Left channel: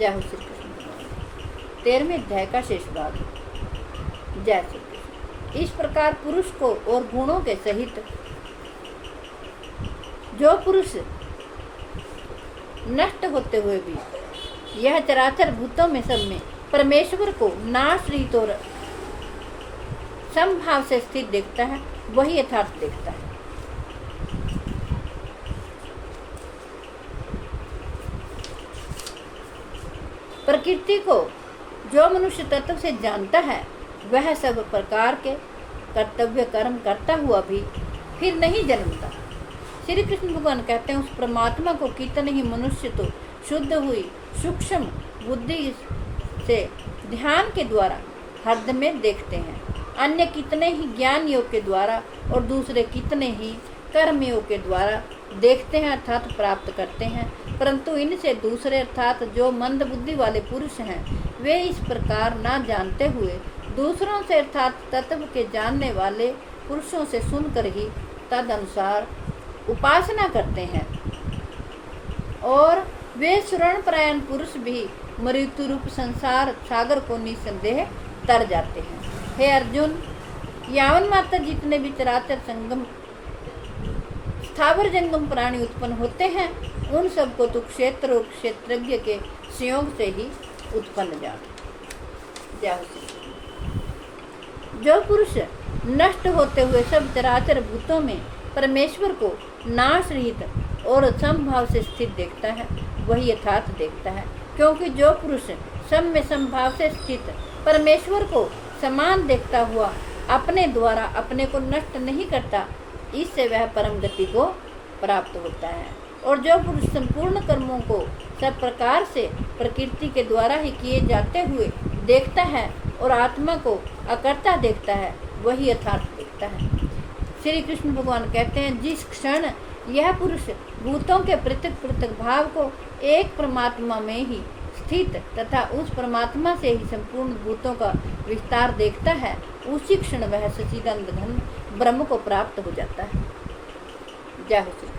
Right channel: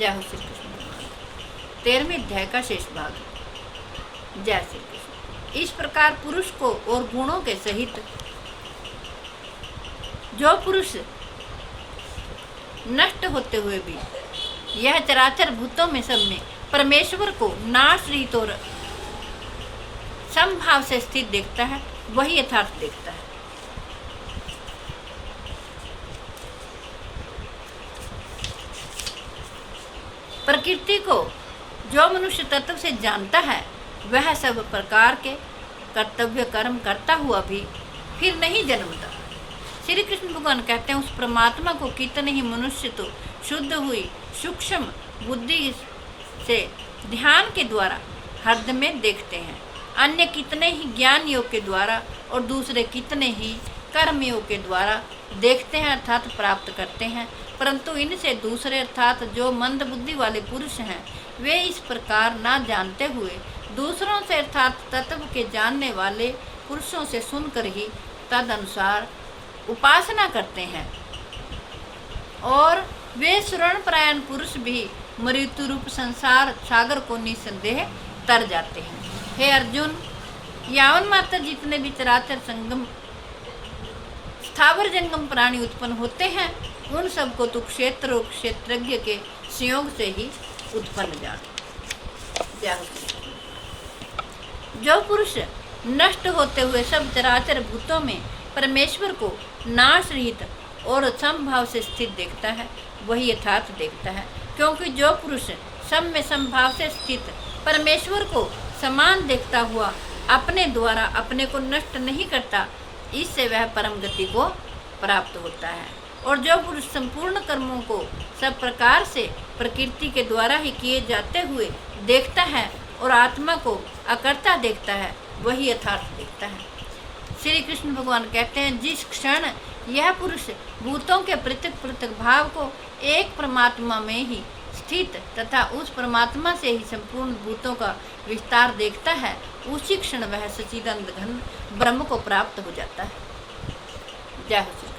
जय हो श्री कृष्ण भगवान। 13वें अध्याय का शेष भाग। जय श्री कृष्ण। इस प्रकार पुरुष को और गुणों के सहित जो पुरुष नष्ट होते हुए भी यह चराचर भूतों में सब में परमेश्वर को नाश रहित और समभाव से स्थित देखता है, वही यथार्थ देखता है। प्रकृति को जो मनुष्य तत्व से जानता है वह सब प्रकार के कर्तव्य कर्म करता हुआ भी फिर नहीं जन्मता। श्री कृष्ण भगवान कहते हैं, उस परमात्मा को कितने ही मनुष्य तो शुद्ध हुई सूक्ष्म बुद्धि से ध्यान के द्वारा हृदय में देखते हैं, अन्य कितने ही ज्ञान योग के द्वारा और दूसरे कितने ही कर्म योग के द्वारा देखते हैं अर्थात प्राप्त करते हैं। परंतु इनसे दूसरे अर्थात जो मंद बुद्धि वाले पुरुष हैं वे इस प्रकार ना जानते हुए दूसरों से अर्थात तत्व के जानने वाले पुरुषों से सुनकर ही तद अनुसार उपासना करते हैं, और वे शरणपरायण पुरुष भी मृत्यु रूप संसार सागर को निसंदेह तर जाते हैं। हे अर्जुन, यावन मात्र जितने भी चराचर संगम स्थावर जंगम प्राणी उत्पन्न होते हैं उन सबको तू क्षेत्र और क्षेत्रज्ञ के संयोग से ही उत्पन्न जान। जो पुरुष नष्ट होते हुए सब चराचर भूतों में परमेश्वर को नाश रहित और समभाव से स्थित देखता है वही यथार्थ देखता है, क्योंकि जो पुरुष सम में समभाव से स्थित परमेश्वर को समान देखता हुआ अपने द्वारा अपने को नष्ट नहीं करता, इससे वह परम गति को प्राप्त होता है। और जो पुरुष संपूर्ण कर्मों को सब प्रकार से प्रकृति के द्वारा ही किए जाते हुए देखता है और आत्मा को अकर्ता देखता है वही यथार्थ देखता है। श्री कृष्ण भगवान कहते हैं, जिस क्षण यह पुरुष भूतों के पृथक पृथक भाव को एक परमात्मा में ही स्थित तथा उस परमात्मा से ही संपूर्ण भूतों का विस्तार देखता है, उसी क्षण वह सच्चिदानंद घन ब्रह्म को प्राप्त हो जाता है। जय हो।